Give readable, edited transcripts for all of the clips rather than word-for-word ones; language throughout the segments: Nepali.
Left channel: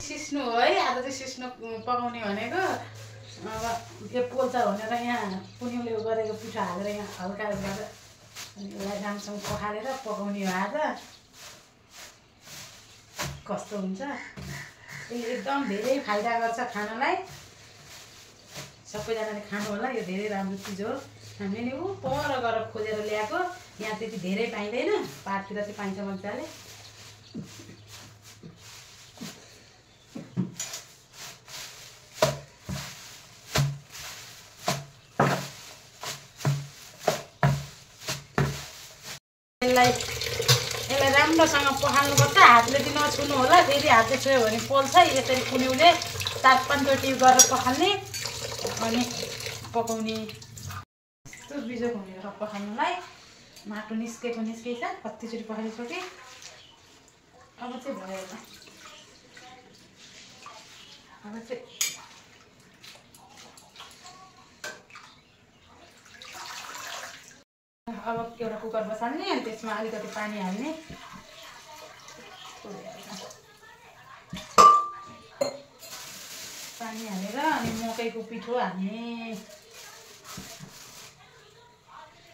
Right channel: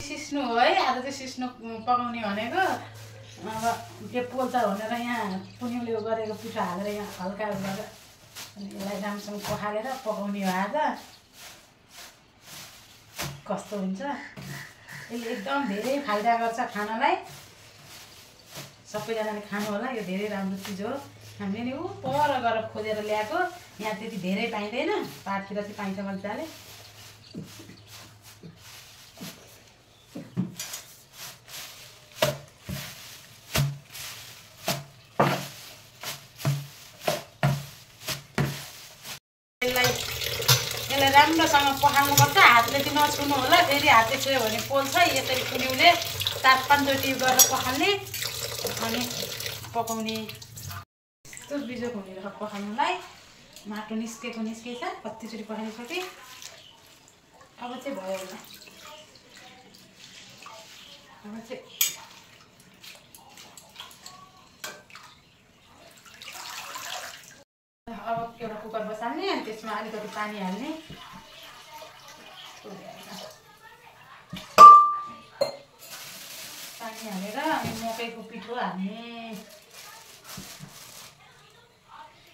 सिस्नु हो है। आज चाहिँ सिस्नु पकाउने भनेको। अब त्यो पोल्छ भनेर यहाँ पुनिउले गरेको पिठो हालेर यहाँ हल्का गरेर यसलाई राम्रोसँग पखालेर पकाउने हो आज। कस्तो हुन्छ यसले एकदम धेरै फाइदा गर्छ खानालाई। सबैजनाले खानु होला। यो धेरै राम्रो चिज हो। हामीले ऊ पर गएर खोजेर ल्याएको। यहाँ त्यति धेरै पाइँदैन। पाहाडतिर चाहिँ पाइन्छ मजाले। यसलाई राम्रोसँग पखाल्नुपर्छ। हातले चाहिँ नछुनु होला। फेरि हातले छुयो भने पोल्छ। यसरी कुनिउले 4-5 चोटि गरेर पखाल्ने अनि पकाउने। यस्तो बिजोक हुने पखाल्नुलाई। माटो निस्केको निस्केछ। कतिचोटि पखालिसकेँ। अब चाहिँ भयो होला। अब चाहिँ अब एउटा कुकर बसाल्ने अनि त्यसमा अलिकति पानी हाल्ने। पानी हालेर अनि मकैको पिठो हाल्ने।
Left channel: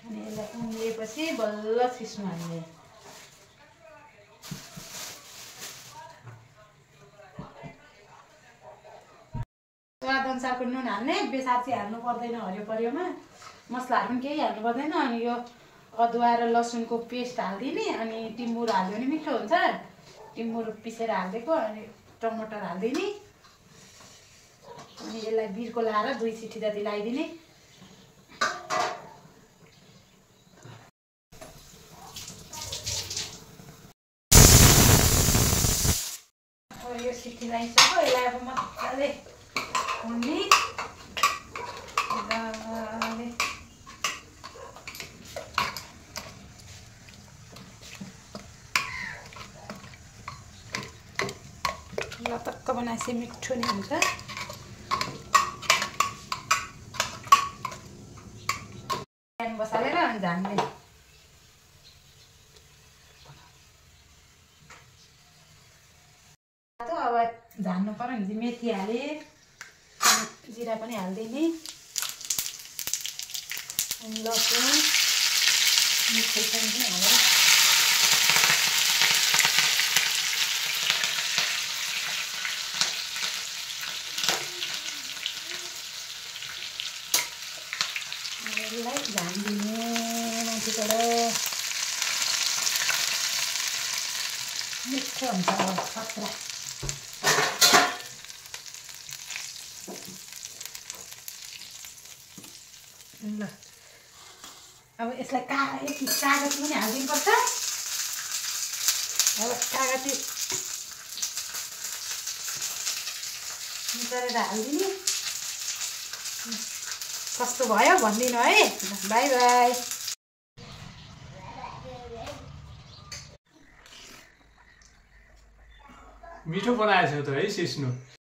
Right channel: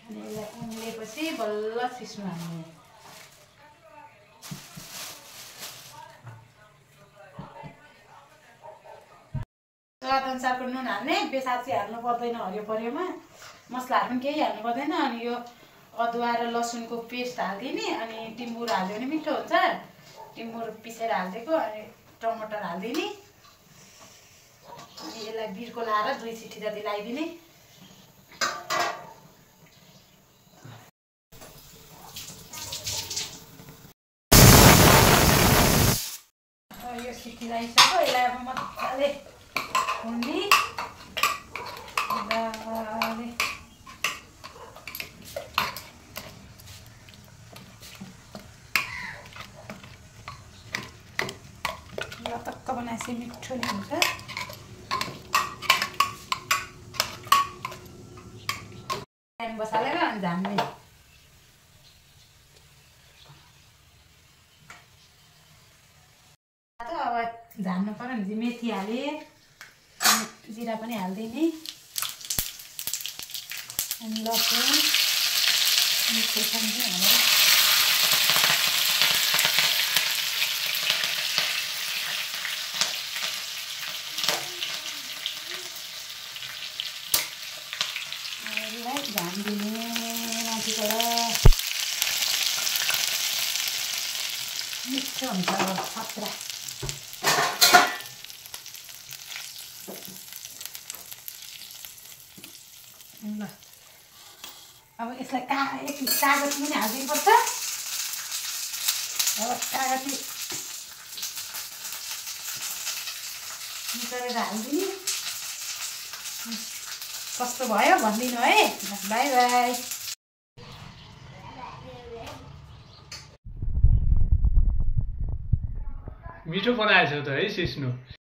अनि यसलाई उम्लिएपछि बल्ल सिस्नु हाल्ने। स्वाद अनुसारको नुन हाल्ने। बेसार चाहिँ हाल्नु पर्दैन। हरियो परियोमा मसलाहरू पनि केही हाल्नु पर्दैन। अनि यो अदुवा र लसुनको पेस्ट हालिदिने। अनि टिमुर हाल्यो भने मिठो हुन्छ। टिमुर पिसेर हालिदिएको। अनि टमाटर हालिदिने। अनि यसलाई बिर्को लाएर 2 सिटी जति लगाइदिने। यो सिटी लगाइसक्यो। यसलाई अब मजाले हुने। टक्क बनाएपछि मिठो नि हुन्छ। प्यान बसालेर झान्ने। अब झान्नु पर्यो भने चाहिँ मेथी हाले। जिरा पनि हालिदिने। अनि लसुन मिठो पनि हालेर झानिदिने माथिबाट। मिठो हुन्छ खतरा। ल अब यसलाई कागज पनि हालिदिनुपर्छ। हो कागज निकालेर हालिदिने। कस्तो भयो भनिदिनु है। By by. मिठो बनाएछ त है सिस्नु।